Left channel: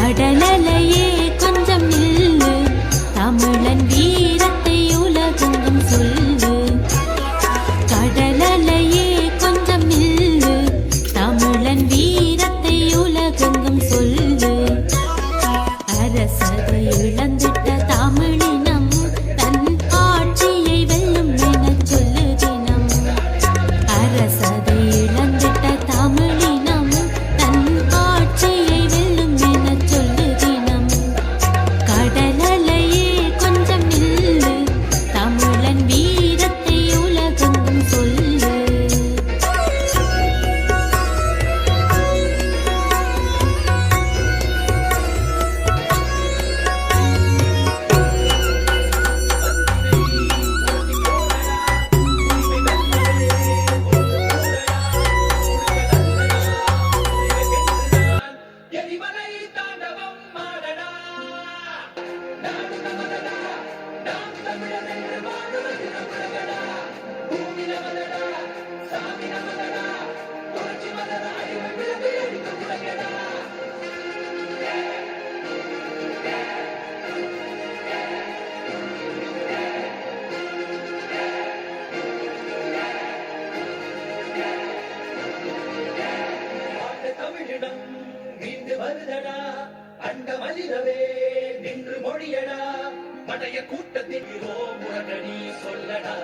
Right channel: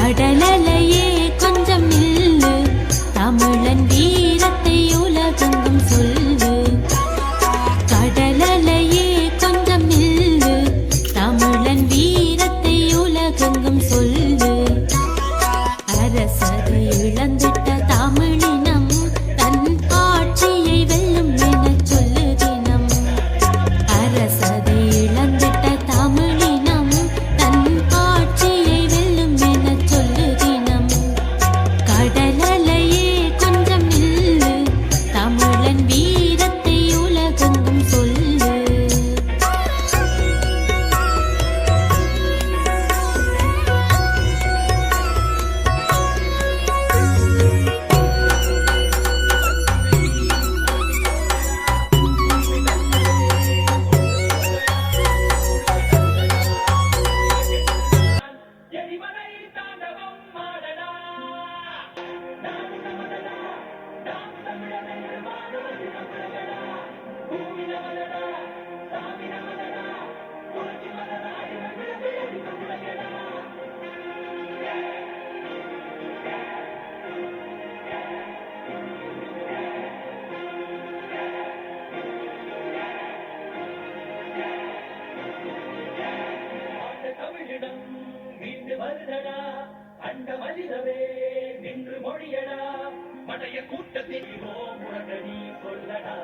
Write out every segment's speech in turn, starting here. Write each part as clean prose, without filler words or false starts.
கடலலையே கொஞ்சம் நில்லு, தமிழன் வீரத்தை உலகெங்கும் சொல்லு. கடலலையே கொஞ்சம் நில்லு, தமிழன் வீரத்தை உலகெங்கும் சொல்லு. அரசதை இழந்திட்ட தமிழினம் தன் ஆட்சியை வெல்லும் என சொல்லு தினம். அரசதை இழந்திட்ட தமிழினம் தன் ஆட்சியை வெல்லும் என சொல்லு தினம். கடலலையே கொஞ்சம் நில்லு, தமிழன் வீரத்தை உலகெங்கும் சொல்லு. நின்று மொழியடா படைய கூட்டத்தில் முரகடி சொல்லடா.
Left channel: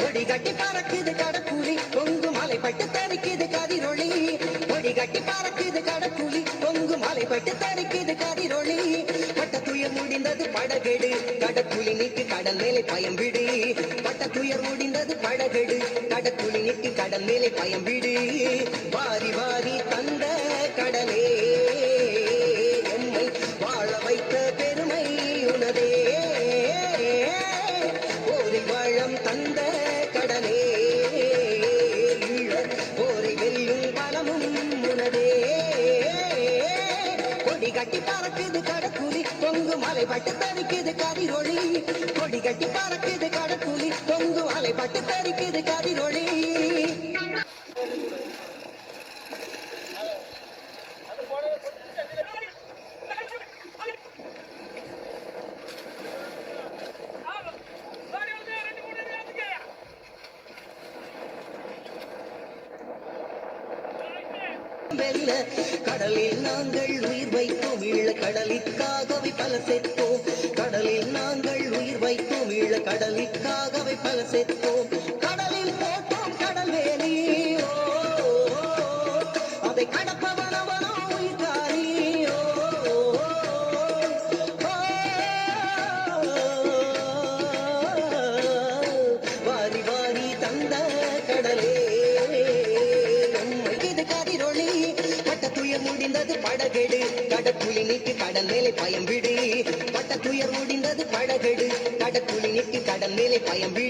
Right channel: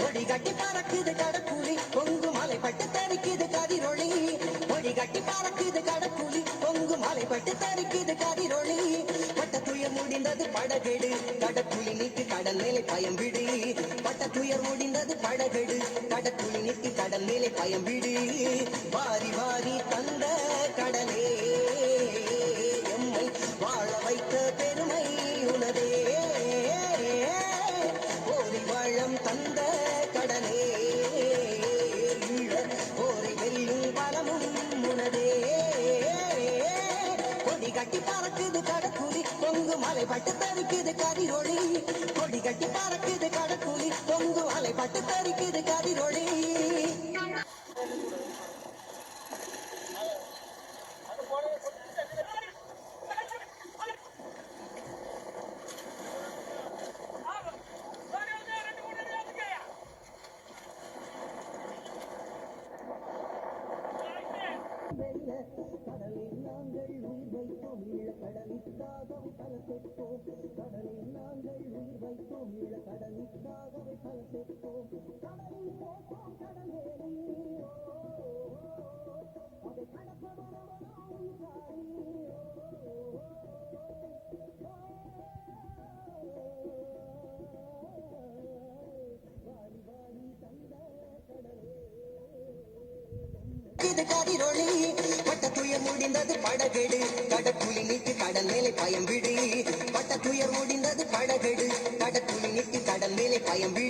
கொடி கட்டி பறக்குது கடற்குழி, பொங்கு மலை பட்டு தரிக்குது கதிரொளி. கொடி கட்டி பறக்குது கடற்குழி, பொங்கு மலை பட்டு தரிக்குது கதிரொளி. கட்ட துயர் முடிந்தது படகெடு, கடற்குழி நீக்கு கடல் மேலே பயம் விடு. கட்ட துயர் முடிந்தது படகெடு, கடற்குழி நீக்கு கடல் மேலே பயம் விடு. வாரி வாரி தந்த கடலே எம்மை வாழ வைத்த பெருமை உனதே. போரில் வாழம் தந்த கடலே போரை வெல்லும் பலமும் உனதே. கொடி கட்டி பறக்குது கடற்குழி, பொங்கு மலை பட்டு தரிக்குது கதிரொளி. கொடி கட்டி பறக்குது கடற்குழி, பொங்கு மலை பட்டு தரிக்குது கதிரொளி. கடலில் நாங்கள் உயிர் வைத்தோம், ஈழ கடலுக்காகவே பல செத்தோம். கடலில் நாங்கள் உயிர் வைத்தோம், ஈழ கடலுக்காகவே பல செத்தோம். கடலில் போட்டோம் கடல் வேலி, அதை கடப்பவனவனோ உயிர்காரி. வாரி வாரி தந்த கடலே இது கதிரொளி. கட்ட துயர் முடிந்தது படகெடு, கடற்குழி நீக்கு கடல் மேலே பயம் விடு. கட்ட துயர் முடிந்தது படகெடு, கடற்குழி நீக்கு கடல் மேலே பயம் விடு.